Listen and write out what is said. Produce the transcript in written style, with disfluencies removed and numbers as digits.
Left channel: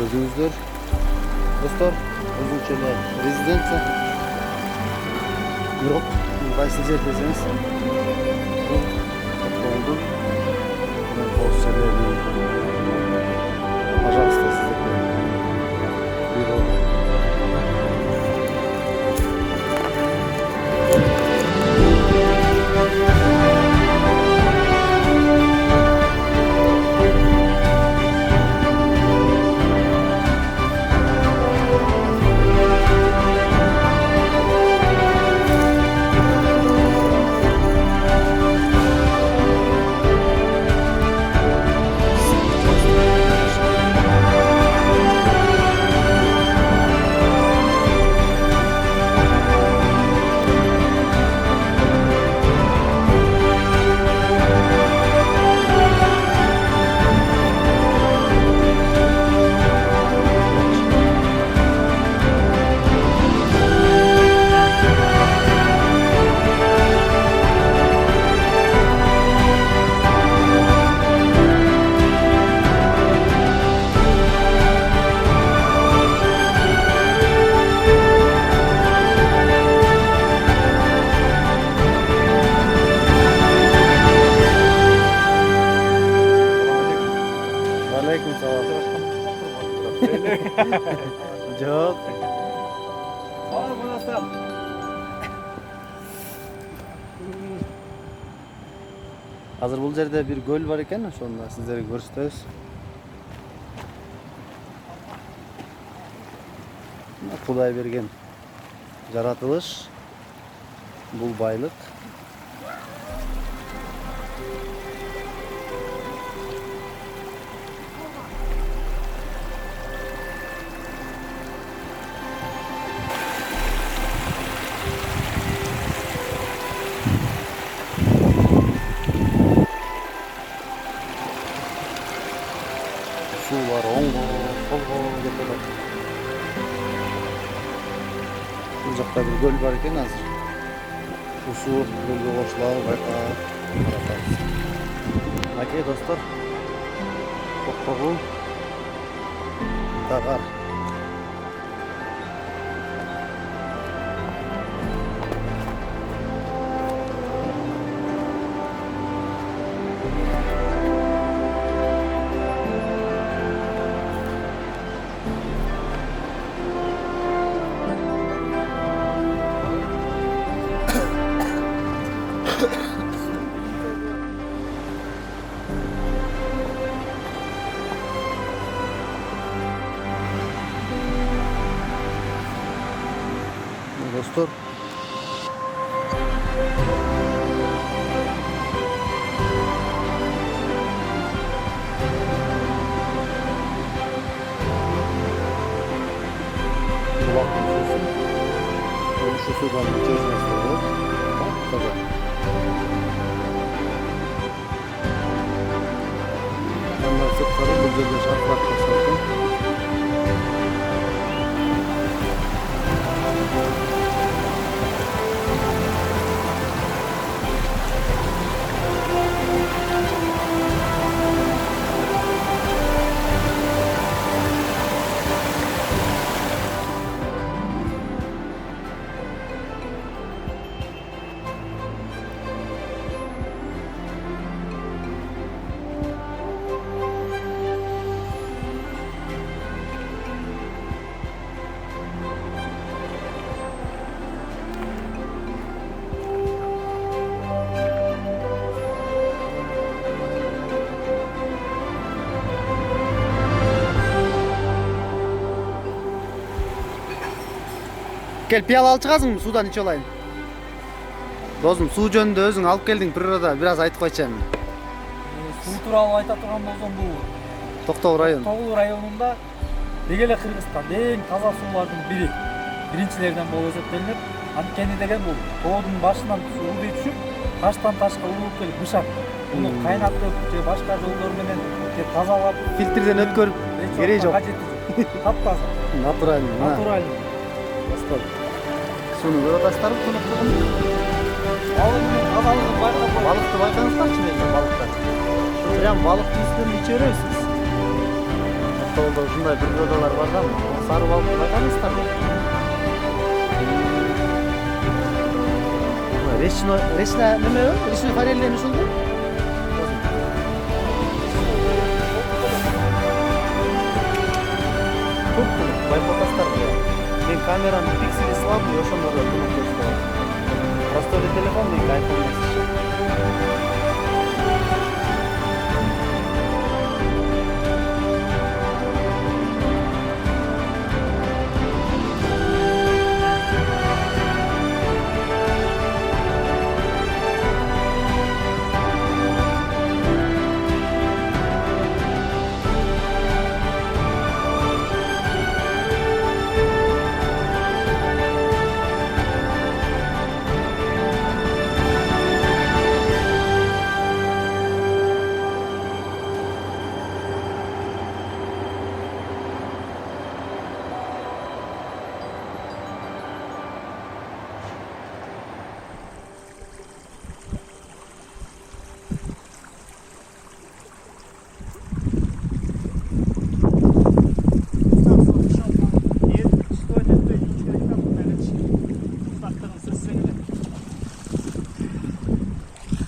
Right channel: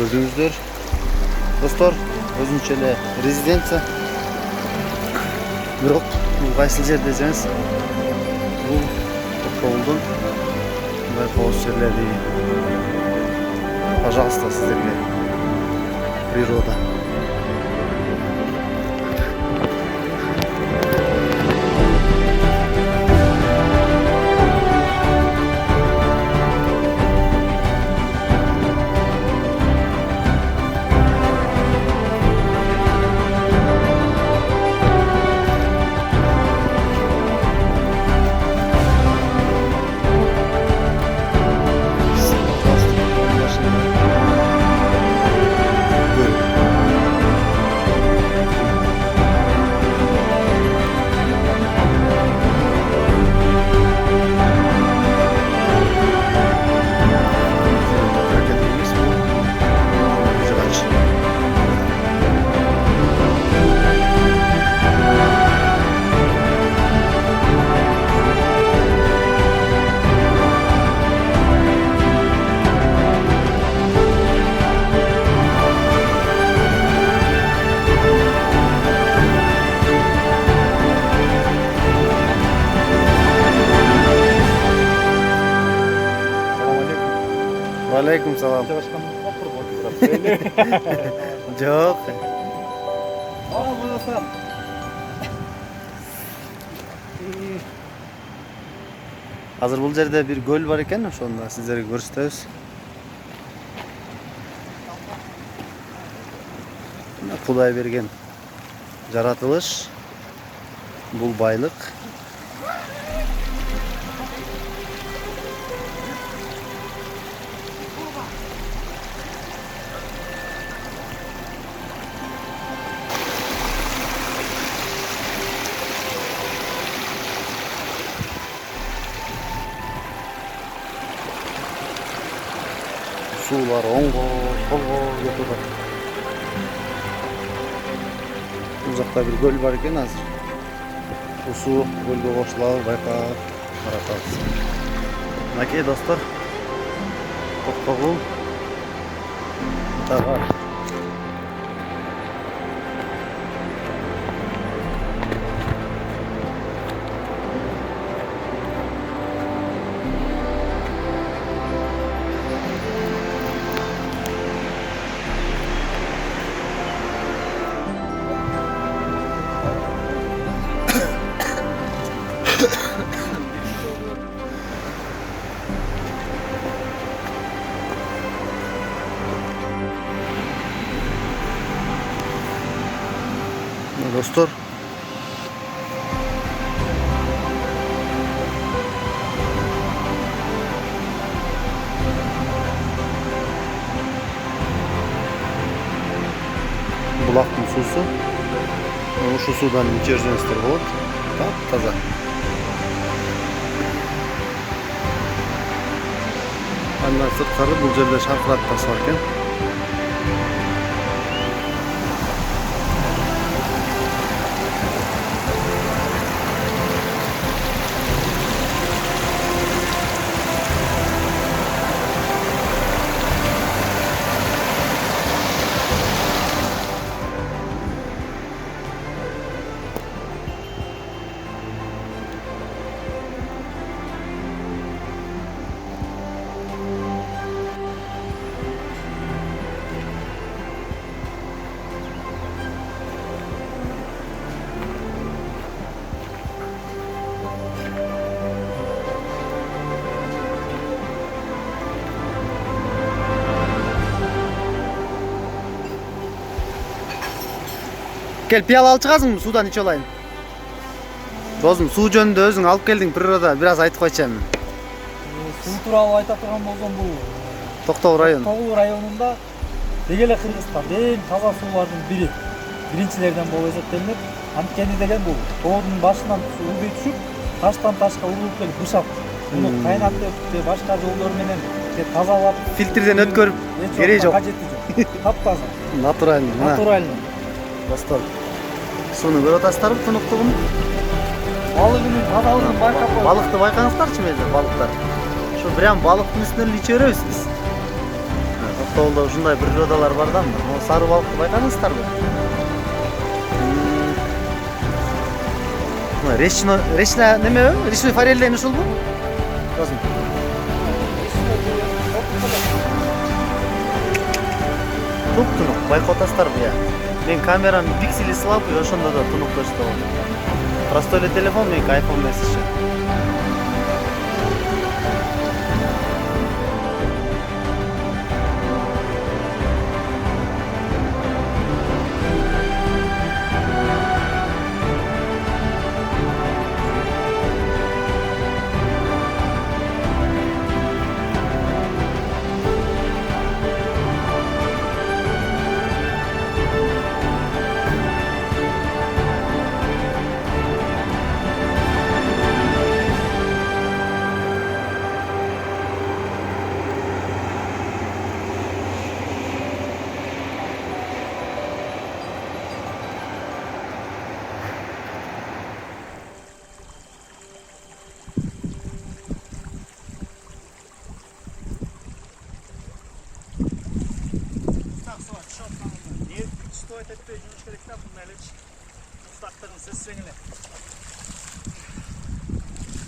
Özünüzdür dostlar, özünçe эле резиденция. Бирок бул кайсы жер десеңиз, бул Токтогулдун мындай коопсуз жерлери. Пожалуйста, сиздерге природа. Алейкум салам. Жоқ. Азыр бул жерде бир көл бар экен, ошону да сиздерге көрсөтөбүз. Кудай берген жаратылыш. Бул байлык. Суулар оңго, солго кетип атат. Бул жакта бир көл бар экен азыр. Ушул суу көлгө кошулабы байкап каратабыз. Мынакей достор, Токтогул тагар. Dostlar, судан иче жүрсеңиздер болот. Таза. Андан сырткары бул жерде шаркыратпасы бар экен. Gel piyala alып чыгасыңбы, судан иче алайын. Досум, суу жөнүндө өзүң алып келдиң природа, бир аз айтып койчу эми. Суу тууралуу айта турган болсом, бул Токтогул район. Токтогул районунда деги эле Кыргызстанда эң таза суулардын бири, биринчилерден болуп эсептелинет. Анткени деген бул тоодун башынан суу түшүп, таштан ташка урулуп келип бышап, муну кайнатып же башка жолдор менен тазалап, Фильтрден өткөрүп кереги жок. Таптаза. Натуральный. Натуральный. Достор, сууну көрүп атасыздарбы тунуктугун? Балыгынын тазалыгын байкап, Балыкты байкаңыздарчы мейли, балыктар. Ушу прям балыктын үстүнөн эле иче беребиз биз. Токтогулда ушундай природалар бар да, мына сары балыкты байкаңыздарбы? Речная неме? Речной форель деген ушулбу? Досум. Туп-тунук байкап атасыздарбы я? Мен камеранын пиксели слабый, ошондо да тунук көрсөтөт. Простой эле телефон, меники iPhone эмес иши.